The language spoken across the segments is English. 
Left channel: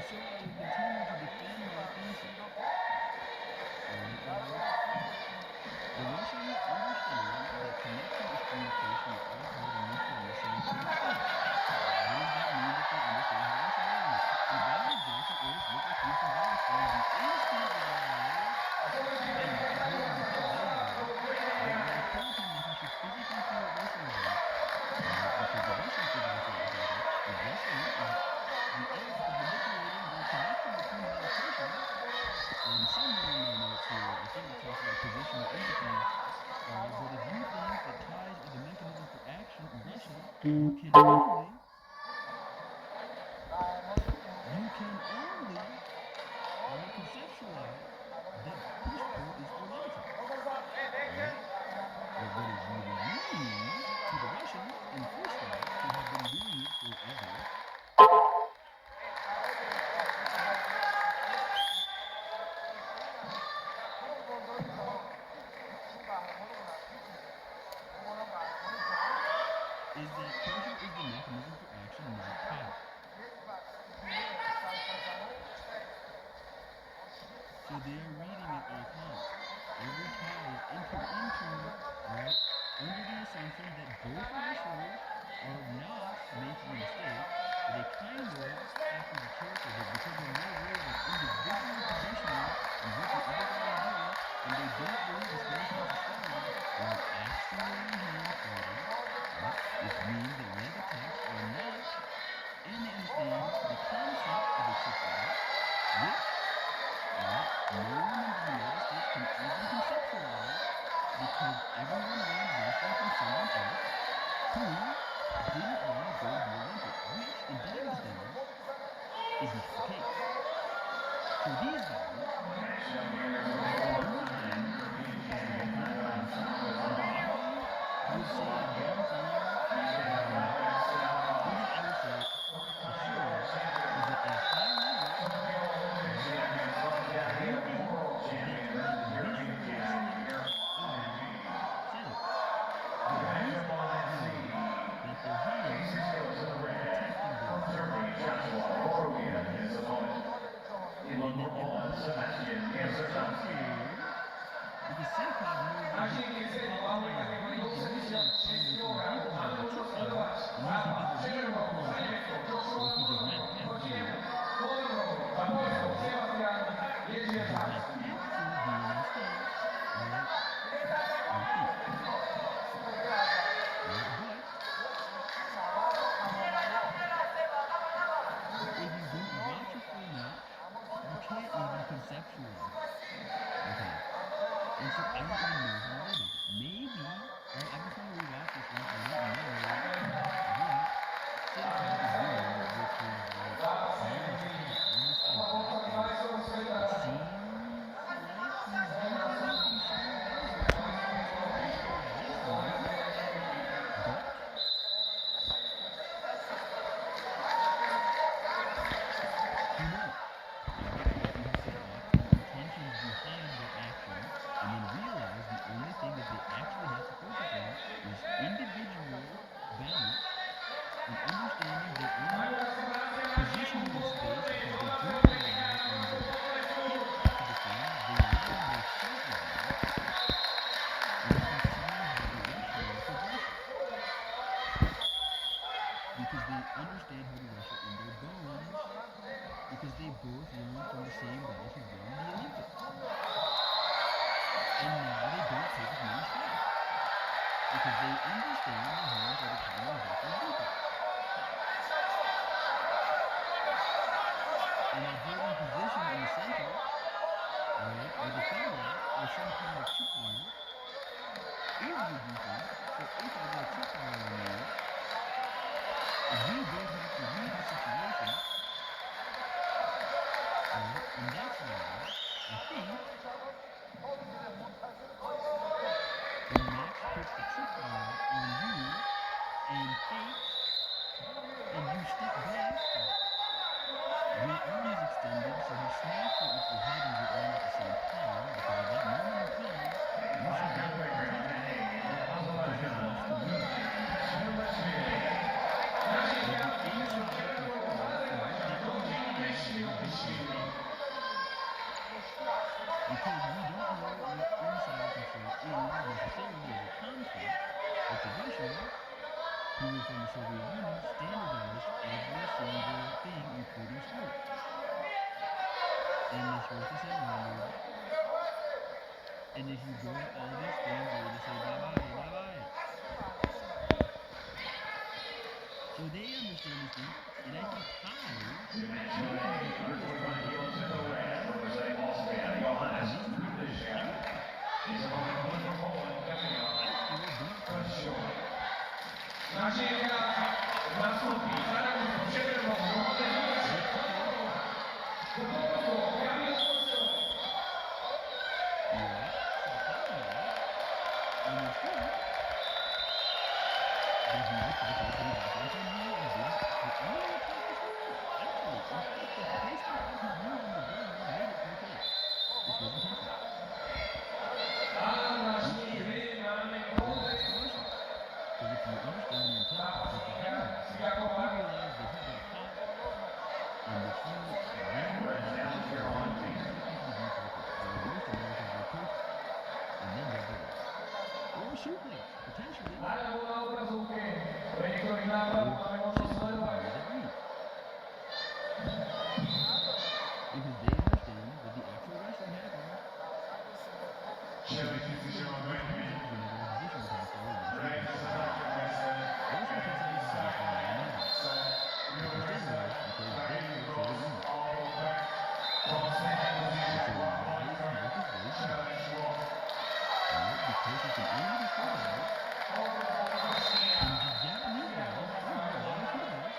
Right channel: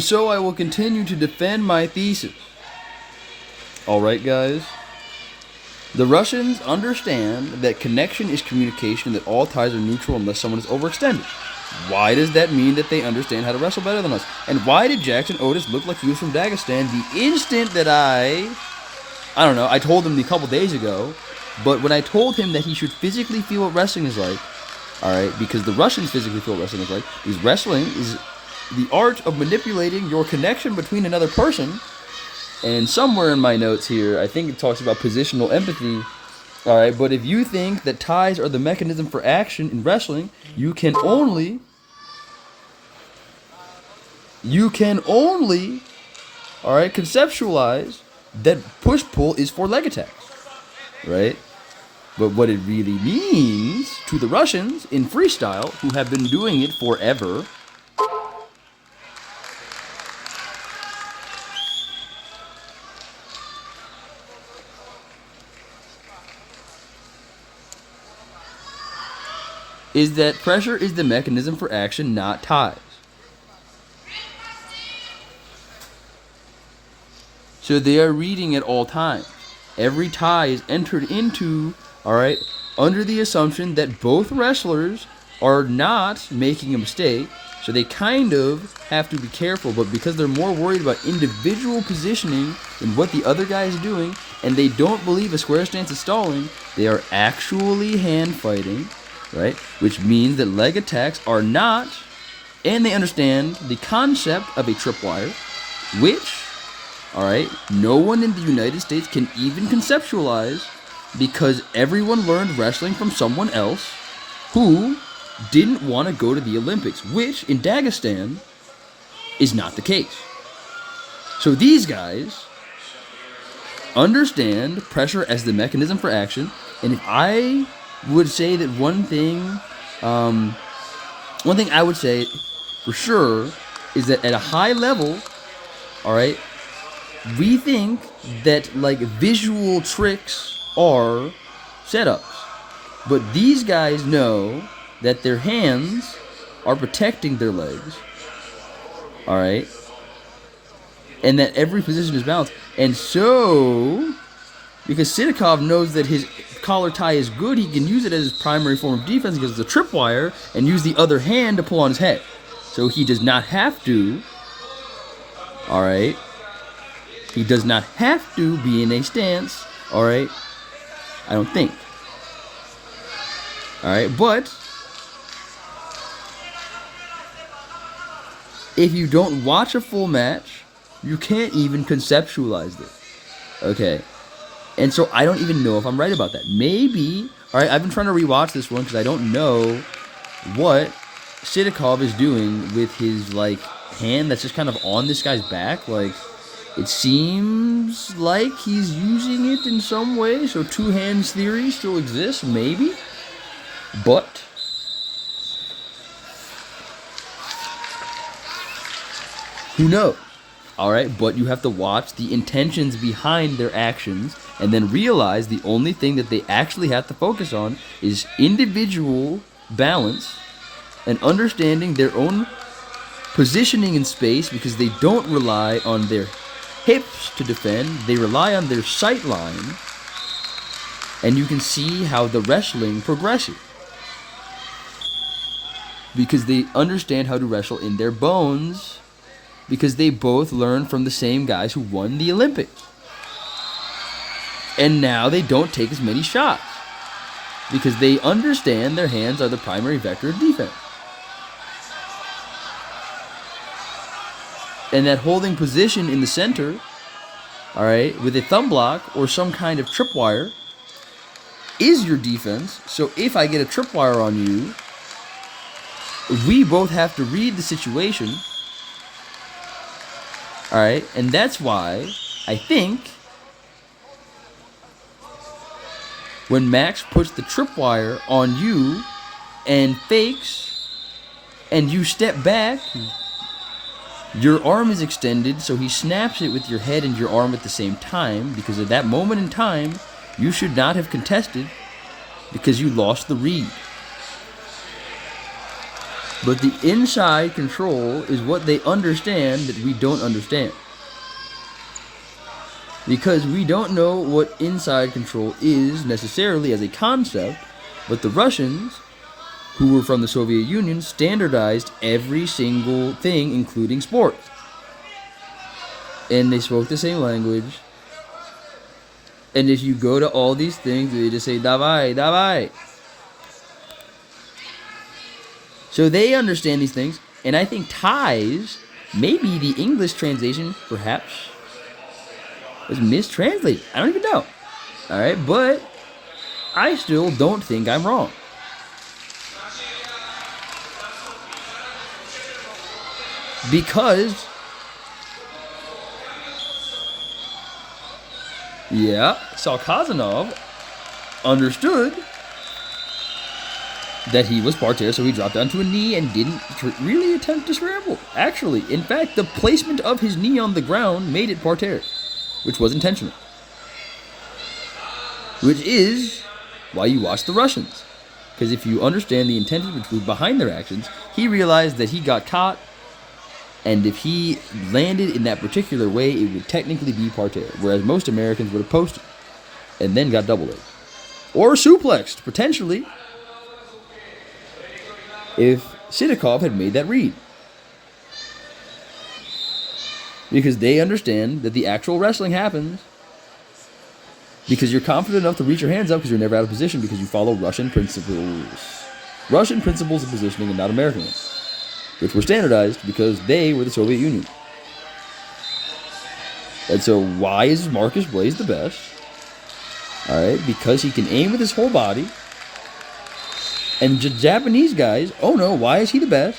And so I will continue to defend my thesis. Alright, guys? The Russians understand that connection is communication, that all ties are neutral unless someone is overextended. Why does that mean that they understand how to wrestle better than us? And why did Jackson Otis look like he was from Dagestan the instant that I don't know, I told him a couple days ago, but when I told him that he should physically feel what wrestling is like, alright, because the Russians physically feel what wrestling is like, because wrestling is the art of manipulating your connection between another person. And somewhere in my notes here, I think it talks about positional empathy. Alright, but if you think that ties are the mechanism for action in wrestling, you can only, alright, conceptualize that push-pull is for leg attacks. Right? But what it really means to the Russians in freestyle, who have been doing it forever, is that pressure is the mechanism for action, not ties. So they are reading at all times. Every tie is entered into, alright, under the assumption that both wrestlers are not making a mistake, so they kind of have to be careful, but because they're more worried about individual positioning than what the other guy is doing, and they don't believe a square stance is stalling, they are actually hand fighting, right? Which means that leg attacks are not, and they understand the concept of a tripwire, which, alright, no one in the United States can even conceptualize, because everyone learned wrestling from someone else who didn't want to go to the Olympics, which in Dagestan is not the case. So these guys understand pressure as the mechanism for action, and if I would say that one thing I would say for sure is that at a high level, alright, we think that like visual tricks are setups, but these guys know that their hands are protecting their legs, alright, and that every position is balanced. And so, because Sidakov knows that his collar tie is good, he can use it as his primary form of defense because it's a tripwire, and use the other hand to pull on his head. So he does not have to, alright, he does not have to be in a stance, alright, I don't think. Alright, but if you don't watch a full match, you can't even conceptualize this. Okay. And so I don't even know if I'm right about that. Maybe, alright, I've been trying to rewatch this one because I don't know what Sidakov is doing with his, like, hand that's just kind of on this guy's back. Like, it seems like he's using it in some way, so two hands theory still exists, maybe. But who knows? Alright, but you have to watch the intentions behind their actions and then realize the only thing that they actually have to focus on is individual balance and understanding their own positioning in space, because they don't rely on their hips to defend, they rely on their sight line, and you can see how the wrestling progresses. Because they understand how to wrestle in their bones, because they both learned from the same guys who won the Olympics. And now they don't take as many shots, because they understand their hands are the primary vector of defense. And that holding position in the center, alright, with a thumb block or some kind of tripwire is your defense. So if I get a tripwire on you, we both have to read the situation. Alright, and that's why I think when Max puts the tripwire on you and fakes and you step back, your arm is extended, so he snaps it with your head and your arm at the same time, because at that moment in time, you should not have contested because you lost the read. But the inside control is what they understand that we don't understand. Because we don't know what inside control is necessarily as a concept, but the Russians, who were from the Soviet Union, standardized every single thing, including sports. And they spoke the same language. And if you go to all these things, they just say, davai, davai. So they understand these things, and I think ties, maybe the English translation, perhaps, was mistranslated. I don't even know. Alright, but I still don't think I'm wrong. Because, yeah, Salkazanov understood that he was parterre, so he dropped down to a knee and didn't really attempt to scramble. Actually, in fact, the placement of his knee on the ground made it parterre, which was intentional. Which is why you watch the Russians. Because if you understand the intention behind their actions, he realized that he got caught, and if he landed in that particular way, it would technically be parterre, whereas most Americans would have posted and then got double legged. Or suplexed, potentially, if Sidakov had made that read. Because they understand that the actual wrestling happens because you're confident enough to reach your hands up because you're never out of position because you follow Russian principles. Russian principles of positioning and not American ones, which were standardized because they were the Soviet Union. And so why is Marcus Blaze the best? Alright, because he can aim with his whole body. And Japanese guys, oh no, why is he the best?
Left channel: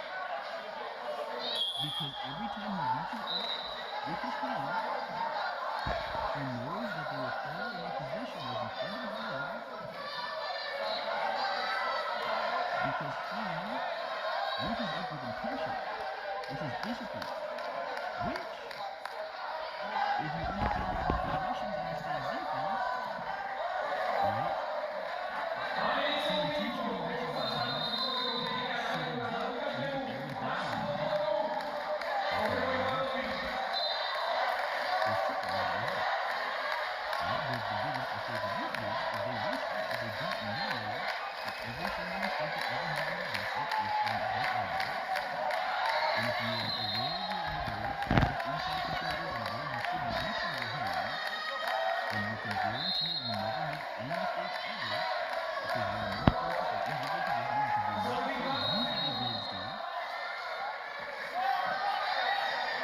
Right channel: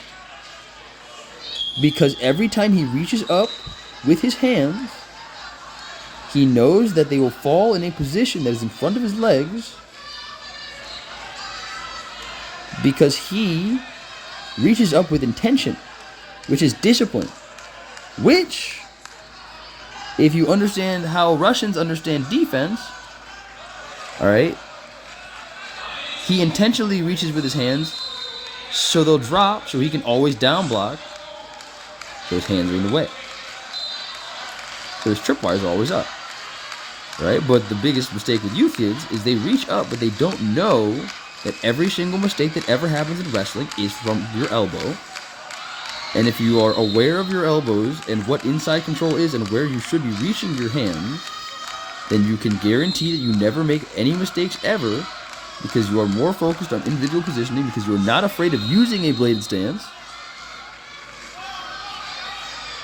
Because every time he reaches up with his hands, he knows that they will fall in a position that is in front of his legs because he reaches up with intention, which is discipline. Which, if you understand how Russians understand defense, alright, he intentionally reaches with his hands so they'll drop so he can always down block. So his hands are in the way. So his tripwires are always up. Right? But the biggest mistake with you kids is they reach up, but they don't know that every single mistake that ever happens in wrestling is from your elbow. And if you are aware of your elbows and what inside control is and where you should be reaching your hands, then you can guarantee that you never make any mistakes ever because you are more focused on individual positioning because you are not afraid of using a bladed stance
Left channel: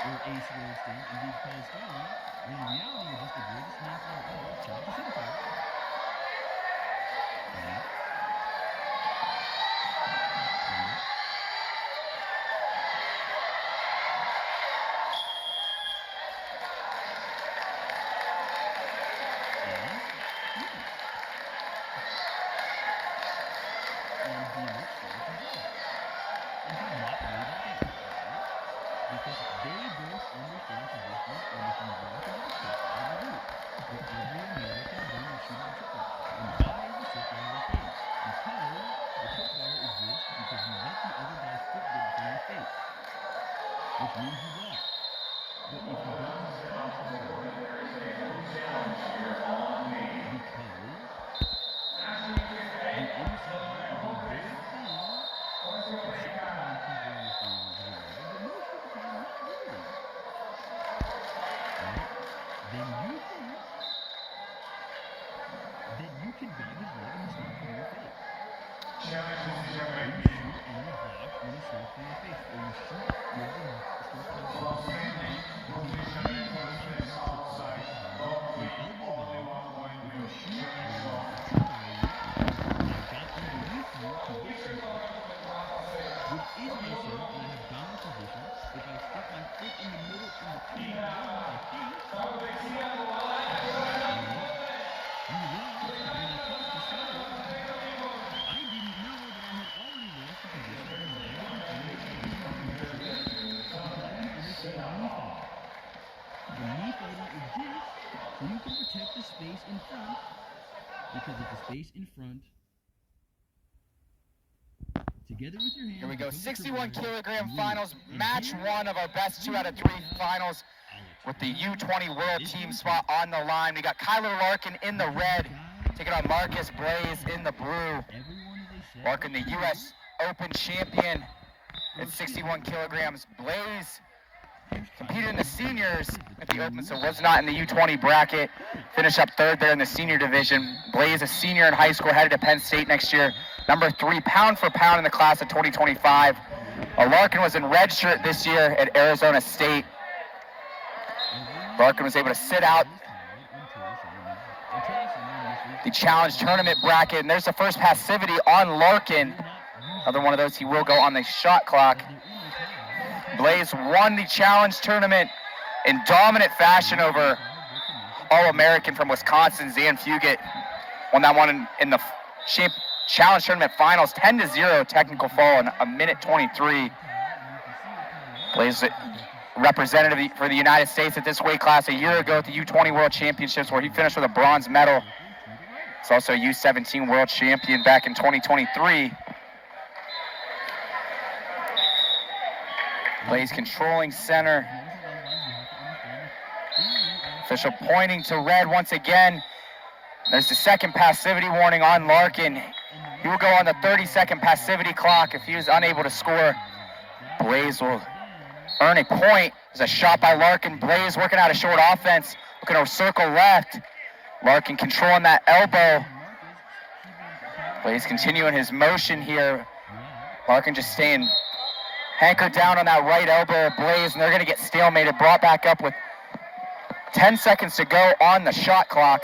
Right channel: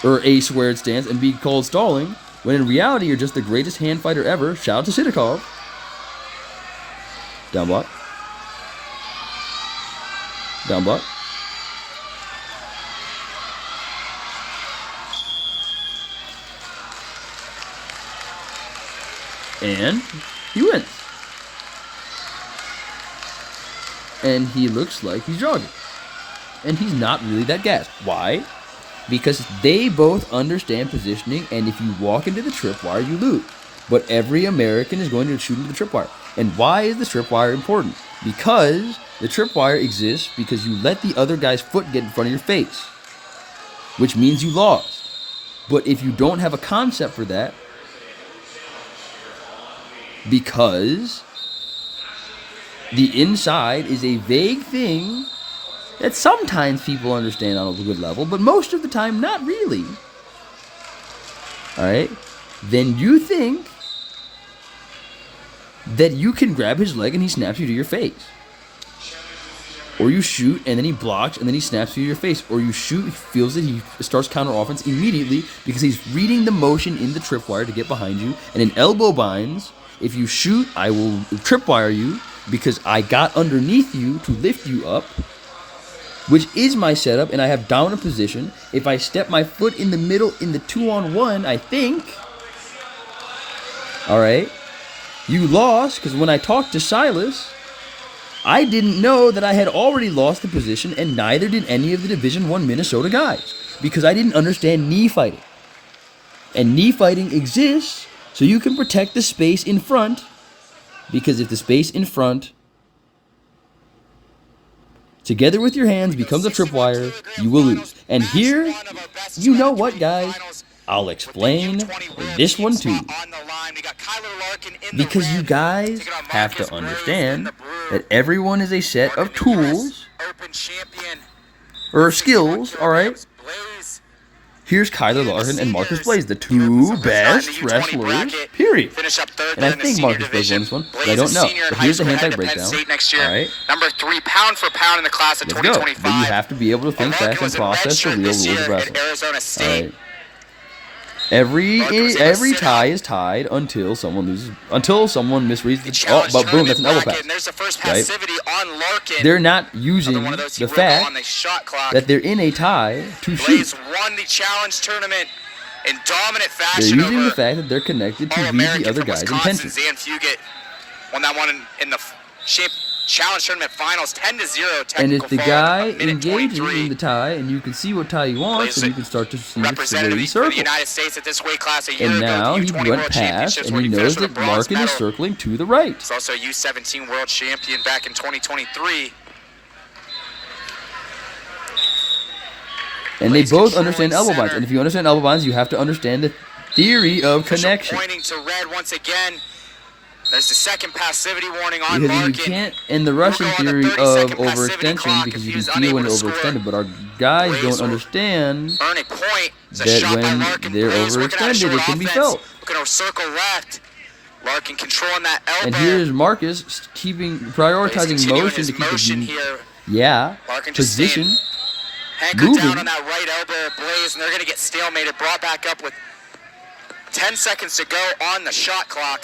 or a squared stance and be called stalling, when in reality you're just the greatest hand fighter ever. Shout out to Sidakov. Down block. Down block. And he wins. And he looks like he's jogging. And he's not really that gassed. Why? Because they both understand positioning, and if you walk into the tripwire, you lose. But every American is going to shoot into the tripwire. And why is the tripwire important? Because the tripwire exists because you let the other guy's foot get in front of your face, which means you lost. But if you don't have a concept for that, because the inside is a vague thing that sometimes people understand on a good level, but most of the time not really. Alright? Then you think that you can grab his leg and he snaps you to your face. Or you shoot and then he blocks and then he snaps you to your face. Or you shoot, he feels it, he starts counter offense immediately because he's reading the motion in the tripwire to get behind you. And in elbow binds, if you shoot, I will tripwire you because I got underneath you to lift you up, which is my setup, and I have dominant position. If I step my foot in the middle in the 2-on-1, I think, alright, you lost, because when I talked to Silas, I didn't know that I had already lost the position, and neither did any of the Division I Minnesota guys, because I didn't understand knee fighting. And knee fighting exists so you can protect the space in front, because if the space in front together with your hands becomes a tripwire, you will lose. And here, you know what, guys? I'll explain this one too. Because you guys have to understand that everyone is a set of tools or skills, alright? Here's Kyler Larkin and Marcus Blaze, the two best wrestlers, period. Finish up third And there I in the think senior Marcus Blaze won division. this one, but Blaze I is don't know. senior in But high here's the school, headed handbag to Penn breakdown. State next year. Alright? Number 3, pound for pound in the class of Let's go. But 2025. you have to be able to think Larkin fast was and in process the redshirt real this rules year of at wrestling. Arizona State. Alright. Every sit-out. tie is tied until someone loses, until someone misreads The the challenge but boom, that's tournament an elbow bracket, pass. and there's the first Right? passivity on Larkin. They're not using Another one of those he the will go on fact the shot clock. that they're in a tie to Blaze shoot. won the challenge tournament in dominant They're fashion using the over fact that they're connected to read the All-American other from guy's Wisconsin, intentions. Zan Fugit. Won that one in the challenge tournament finals, 10-0 And technical if the fall guy in a minute engaging 23. in the tie, and you can see what tie he wants, Blaze and you can start to see representative the for the circle. United States at this weight class a year And ago now at he the U20 went World past, Championships and where he he knows finished with a that bronze Larkin is medal. circling to the right. He's also a U17 world champion back in 2023. And they Blaze both controlling understand elbow binds. center. And if you understand elbow binds, you have to understand the theory of Official connection. pointing to red once again. There's the second passivity warning on Because you Larkin. can't, in the Russian go on the theory of 30-second passivity overextension, clock because if you he can was feel unable when to score. overextended, but our guys Blaze don't will understand Earn a point. There's a that shot by when Larkin. they're Blaze working out a overextended, short it can be offense. felt. Looking to circle left. Larkin controlling that And elbow. here's Marcus keeping Blaze prioritizing continuing motion his to keep the motion here. Larkin just position. staying anchored moving. down on that right elbow of Blaze, and they're going to get stalemated. Brought back up with 10 seconds to go on the shot clock.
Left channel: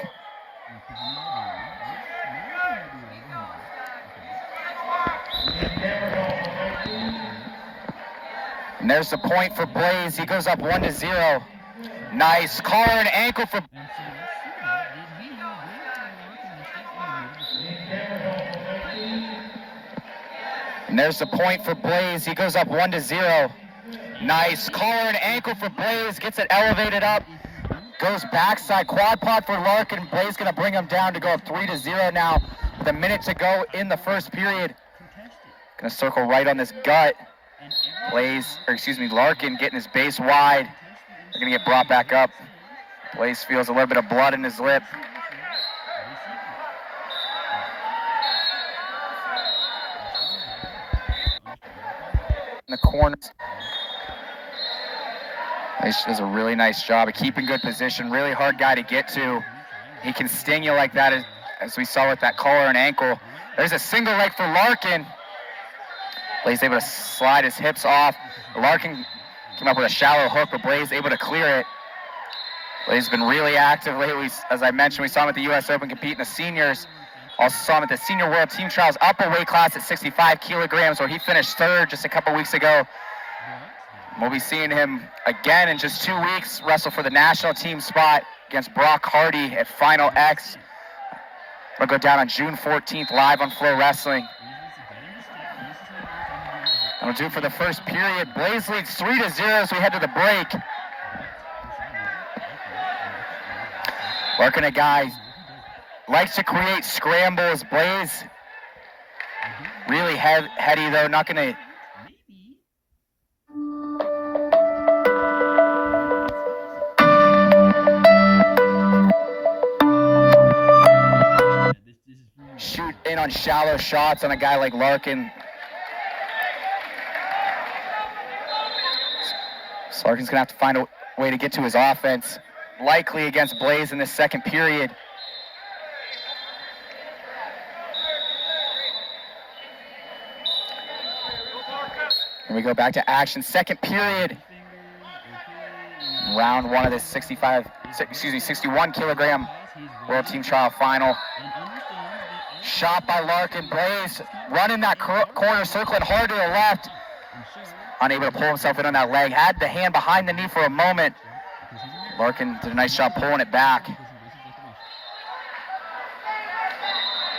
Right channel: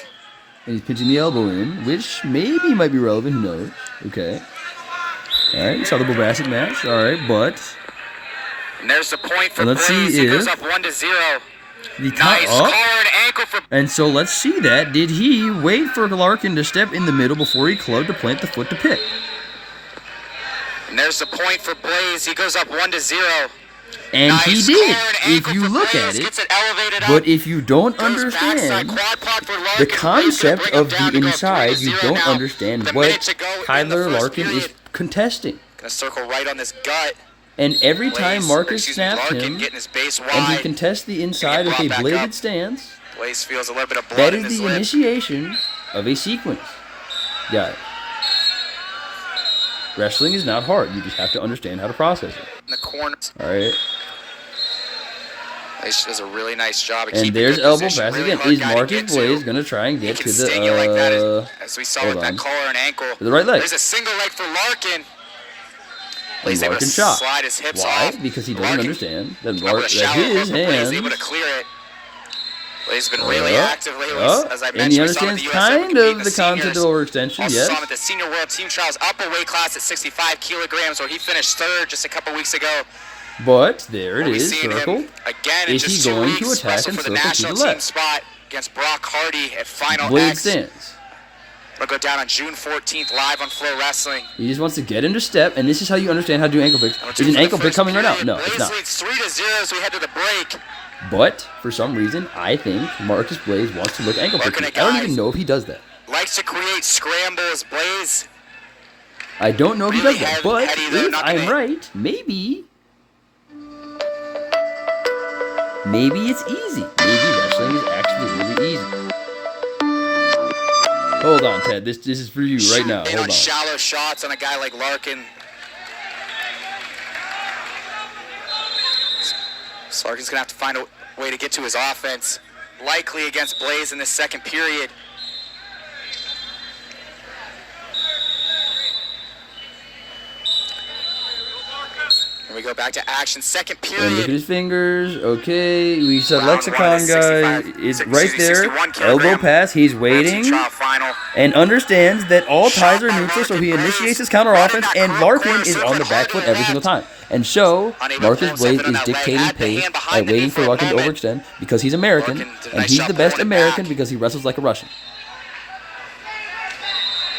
And he's pitching the elbow in, which maybe might be relevant. Who knows? Okay. All right, saw the Bobasset match. All right, but And there's the point for Let's see Blaze. He goes if up 1-0. the Nice up. collar and ankle for. And so let's see that. Did he wait for Larkin to step in the middle before he clubbed to plant the foot to pick? And there's the point for Blaze. He goes up 1-0. And Nice he collar did, and if ankle you for look Blaze. at it. Gets it elevated up. But if you don't Goes backside understand quad pod for Larkin. the Blaze gonna concept bring him of down the to go up inside, you 3-0 don't now. understand With a what minute to go in the Kyler first Larkin is period. contesting. Gonna circle right on this gut. And every time Blaze, Marcus snaps Larkin him, getting his base and he wide. contests the inside brought with a back bladed up. stance, Blaze feels a little bit of that blood in is his the lip. initiation of a sequence. Got it. Wrestling is not hard. You just have to understand how to process it. In the corners. All right. Blaze does a really nice job of And keeping there's good elbow position. pass Really again. hard Is guy to Marcus get Blaze to. going to try and He get can to the sting you like that as we saw hold with that on. collar and ankle. To the right leg. There's a single leg for Larkin. Blaze able to Larkin shot. slide his hips Why? off. Because he doesn't Larkin understand that came up with a shallow hook, his but Blaze able to hands, clear it. Blaze has been really active lately, as I and he mentioned. We saw him at the understands US Open kind compete in of the the concept seniors. of overextension, Also yes. saw him at the Senior World Team Trials upper weight class at 65 kilograms, where he finished third just a couple weeks ago. But there We'll it be is, seeing circle. him again in Is he just 2 going to weeks. attack Wrestle and for the circle to national the team left? spot against Brock Hardy at Final Blade X. stance. It'll go down on June 14th live on Flow Wrestling. He just wants to get into step, and this is how you understand how to do ankle picks. And we're Is due an for the ankle pick first coming right now? period. No, it's Blaze not. leads 3-0 as we head to the break. But for some reason, I think Marcus Blaze wants to look ankle Working pick. a I don't guy. even know if he does that. Likes to create scrambles. Blaze I don't know if he Really does that. But heady, though, if not I'm gonna- right, maybe it's easy. Maybe wrestling is actually really easy. Hold on, Ted. This is for you right now. in Hold on on. shallow shots on a guy like Larkin. So Larkin's going to have to find a way to get to his offense, likely against Blaze in this second period. And we go back to action. Second And look at period. his fingers. Okay, we said Round one Lexicon of the 65 guy is excuse right me, there. 61 Elbow kilogram pass. He's World Team waiting Trial final. and understands that all Shot ties are by neutral, so Larkin. he Blaze initiates his counter running offense, that and corner Larkin is circling on the hard back to foot the every single left. time. And so Unable to Marcus pull Blaze himself in on is that leg. dictating Had the pace hand by behind the knee waiting for for a Larkin to moment. overextend because he's American, Larkin did a and nice he's job the best pulling it American back. because he wrestles like a Russian.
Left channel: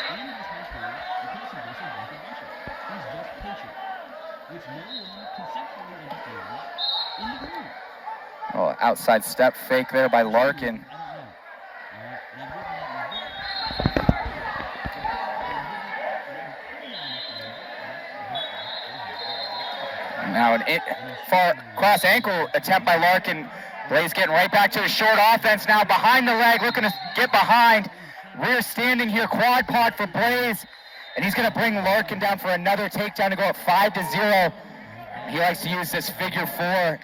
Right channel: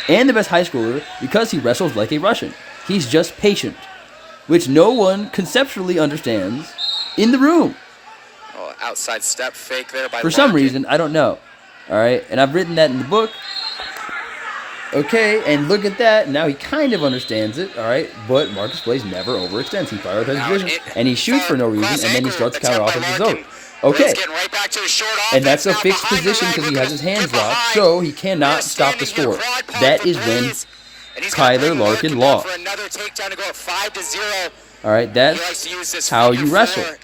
And the best high schooler because he wrestles like a Russian. He's just patient, which no one conceptually understands in the room. Oh, outside step fake there by For Larkin. some reason, I don't know. All right, and I've written that in the book. Okay, and look at that. Now he kind of understands it, all right? But Marcus Blaze never overextends. He prioritizes Now, vision, and he shoots for no reason, cross and then he ankle starts to counter attempt by offense. It's Larkin. over. Blaze Okay, getting right back to the short offense. and that's a now fixed behind the position leg, because he looking has his to hands get locked, behind. so he We're cannot stop the standing here, score. quad pod That for is when Blaze, and he's gonna Tyler bring Larkin down lost. for another takedown to go up 5-0. All right, He likes that's to use this how figure you wrestle. four,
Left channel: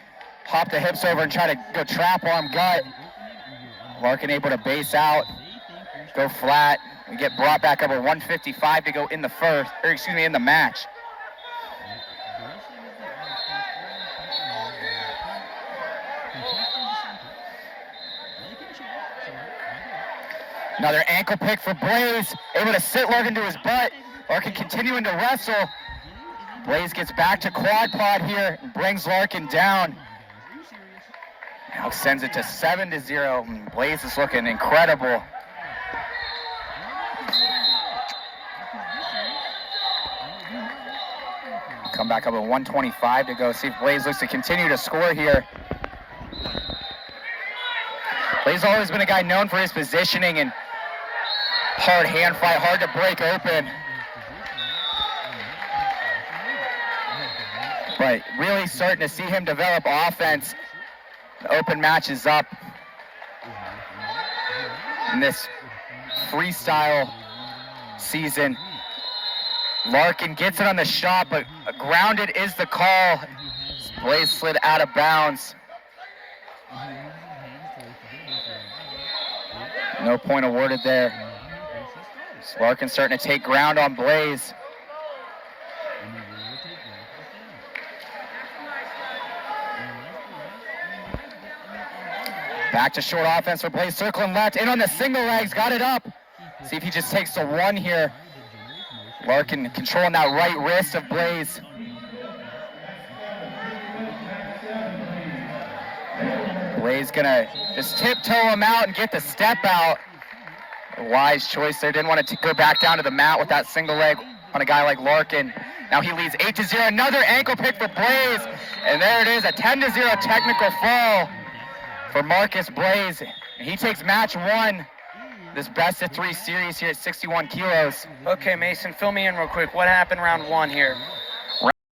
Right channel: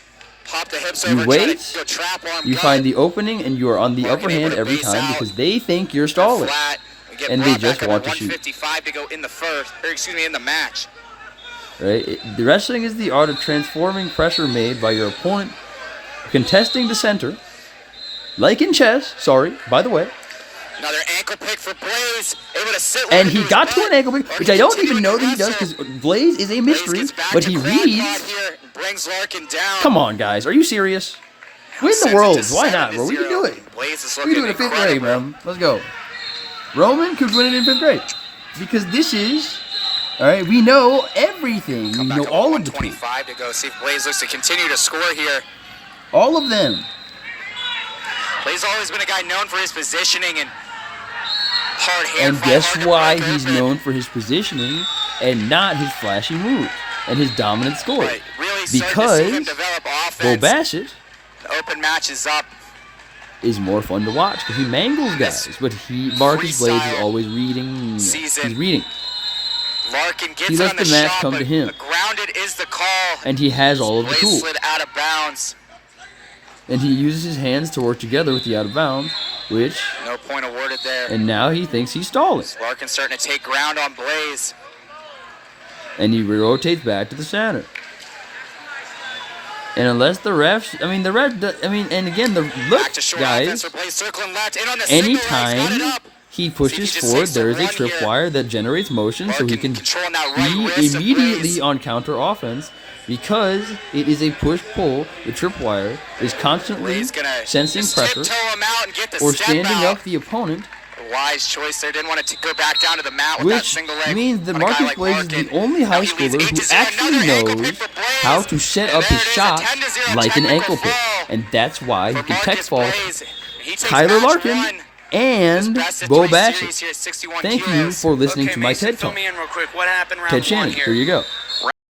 hop the hips You over, and try wait, to go trap arm you gut. find the opening, and you are on the Larkin upper able hand to every base time out. because they think you're Go stalling. flat. We get And they brought just back up want at to shoot. 155 to go in the first, or excuse me, in the match. Right? The wrestling is the art of transforming pressure made by your opponent, contesting the center, like in chess. Sorry, by the way. Another ankle pick for Blaze, able to sit And right he into got his to butt. an ankle pick, which I don't even know that he does because Blaze is a Blaze mystery, gets back but to he quad pod reads. here and brings Larkin down. Come on, guys, are you serious? Win the Sends it world. to Why not, bro? We can 7-0. do it. Blaze is We can looking do it in fifth grade, incredible. man. Let's go. Roman could win it in 5th grade because this is, all right. We know everything. Come We back know up all at of the 125 to go. See if Blaze looks to continue to score here. all of them. Blaze has always been a guy known for his positioning and hard hand And fight, guess hard to why break he's open. known for his positioning and not his flashy moves and his dominant score? Right, really starting to see him Because develop Bo offense. Bassett The open match is up. is more fun to watch because he mangles This guys, but Marcus Blaze is freestyle always reading. season. He's reading, Larkin gets He it lets on the the match shot, come but to him. grounded is the call. and he has all of the Blaze tools. slid out of bounds. And he uses his hands to work together with the out of bounds, which, No point awarded there. and now he thinks he's stalling. Larkin starting to take ground on Blaze. And he rotates back to the center. And unless the refs, and again, the Back look, to short offense guys, for Blaze, circling left. In on the single leg, got it anytime up. he pushes just forward, takes the there is a run here. tripwire that generates motion, so he Larkin can controlling that right wrist of be Blaze. immediately on counter offense because it is a push-pull. The tripwire is constantly Blaze gonna sensing just pressure tiptoe him out and get the or step standing out. up the opponent, Wise choice there. Didn't want to go back down to the mat with that which single leg means that on a guy Marcus like Blaze is Larkin. the only Now high he leads schooler 8-0. who Another ankle actually pick for knows Blaze. how to set And up there his it is, shot a 10-0 like an technical ankle pick. fall And that's why he for can tech Marcus fall Blaze. He takes Tyler match Larkin one. His and best of Bo 3 Bassett. series here at 61 Thank kilos. you for listening Okay, to my Mason, TED fill Talk. me in real quick. What happened round Ted one Shannon, here? here you go.